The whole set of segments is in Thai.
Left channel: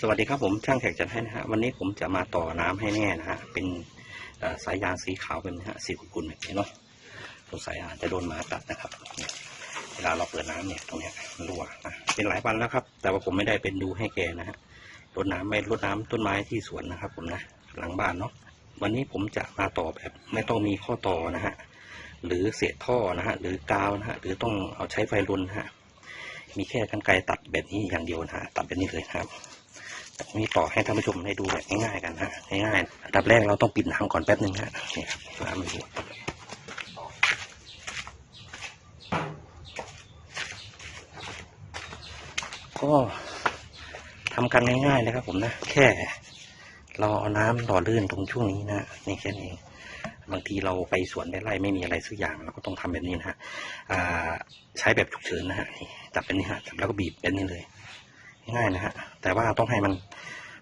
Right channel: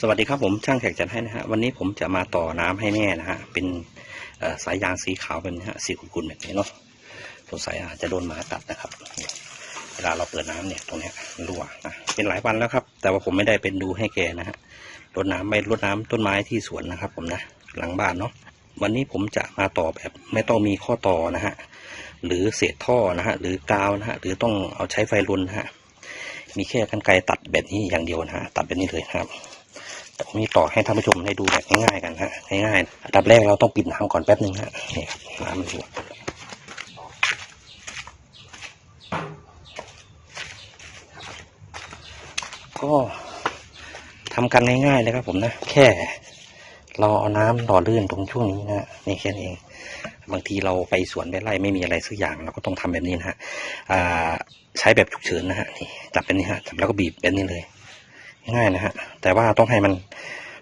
สวัสดีครับผมช่างแขกจัดให้นะฮะวันนี้ผมจะมาต่อน้ำให้แม่นะฮะเป็นสายยางสีขาวเป็นฮะสีกุลๆแบบนี้เนาะสงสัยอาจจะโดนหมากัดนะครับ เวลาเราเปิดน้ำเนี่ยตรงนี้รั่วนะเป็นหลายวันแล้วครับ แต่ว่าผมไม่ได้เป็นดูให้แกนะฮะรดน้ำไม่รดน้ำต้นไม้ที่สวนนะครับ ผมนะหลังบ้านเนาะวันนี้ผมจะมาต่อแบบไม่ต้องมีข้อต่อนะฮะหรือเศษท่อนะฮะหรือกาวนะฮะหรือต้องเอาใช้ไฟรุนนะฮะมีแค่กันไกรตัดแบบนี้อย่างเดียวนะฮะตัดแบบนี้เลยครับ ตรงนี้ต่อให้ท่านผู้ชมได้ดูแบบง่ายๆกันฮะง่ายๆอันดับแรกเราต้องปิดน้ำก่อนแป๊บหนึ่งฮะนี่ครับน้ำมันรั่วก็ทำกันง่ายๆเลยครับผมนะ แค่เราเอาน้ำหล่อลื่นตรงช่วงนี้นะนี่แค่นี้เองบางทีเราไปสวนไปไร่ไม่มีอะไรสักอย่างเราก็ต้องทำแบบนี้นะฮะใช้แบบฉุกเฉินนะฮะนี่จับเป็นนี้ฮะจับแล้วก็บีบเป็นนี้เลย ง่ายนะฮะ แต่ว่าต้องให้มัน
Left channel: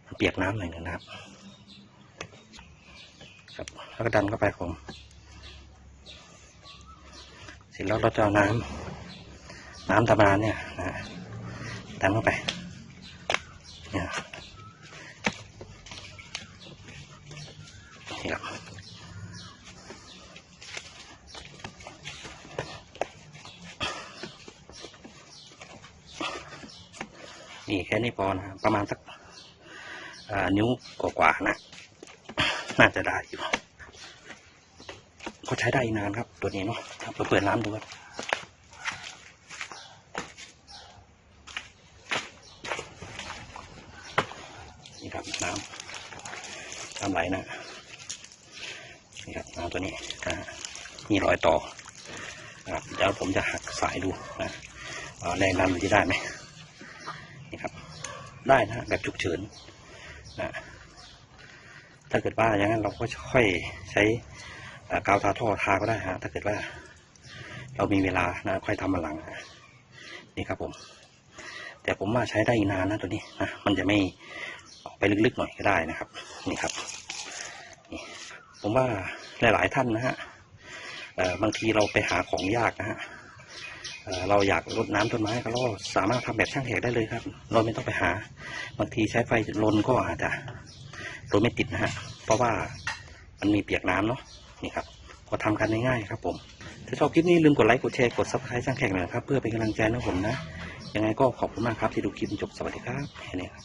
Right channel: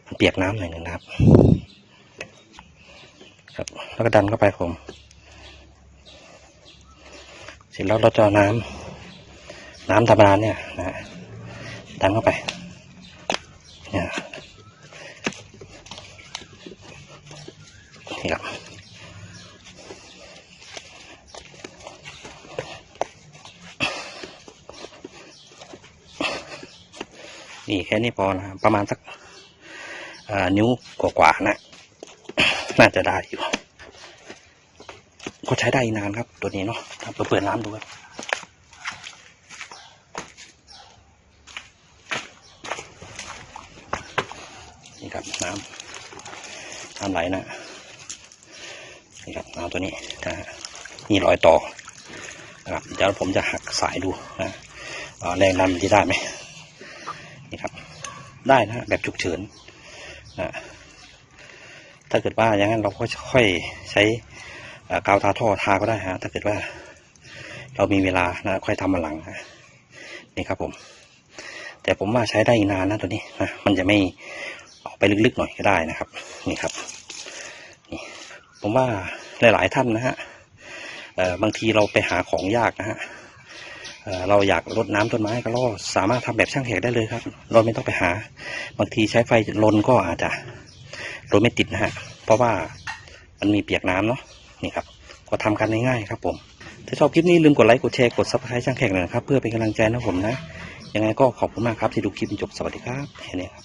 มันเปียกน้ำหน่อยนึงนะครับ ครับ แล้วก็ดันเข้าไปผมเสร็จแล้วเราจะเอาน้ำน้ำธรรมดาเนี่ยนะฮะดันเข้าไปเนี่ยนี่ครับ นี่แค่นี้พอนะครับประมาณสักนิ้วกว่าๆนะ น่าจะได้อยู่ก็ใช้ได้นานครับตัวนี้เนาะเปิดเปิดน้ำดูครับนี่ครับน้ำน้ำไหลนะนี่ครับเอาตัวนี้นะฮะนี่รอยต่อนะครับเดี๋ยวผมจะหักสายดูนะแรงดันมันจะได้ไหม นี่ครับ ได้นะแบบฉุกเฉินนะถ้าเกิดว่าอย่างนั้นเราก็ค่อยใช้กาวทาท่อทาก็ได้ฮะถ้าเกิดว่า เรามีเวลานะค่อยทำมาหลังนี่ครับผม แต่ผมว่าใช้ได้อีกนานนะตัวนี้นะมันจะไม่ออกไปลึกๆหน่อยก็ได้นะครับ นี่ครับนี่ผมว่าหลาย ๆ ท่านนะฮะบางทีเราไปหาของยากนะฮะ เราอยากรดน้ำต้นไม้ก็เราสามารถทำแบบช่างแขกได้เลยครับ เราไม่ต้องไปหา บางทีใช้ไฟลนก็อาจจะรดไม่ติดนะฮะ เพราะว่ามันมีเปียกน้ำเนาะ นี่ครับ ก็ทำกันง่ายๆครับผม ถ้าชอบคลิปนี้ลืมกดไลค์ กดแชร์ กดซับสไครต์ช่างแขกหน่อยครับ เพื่อเป็นกำลังใจนะผมนะ ยังไงก็ขอบคุณมากครับที่ดูคลิปจนจบสวัสดีครับแค่นี้ครับ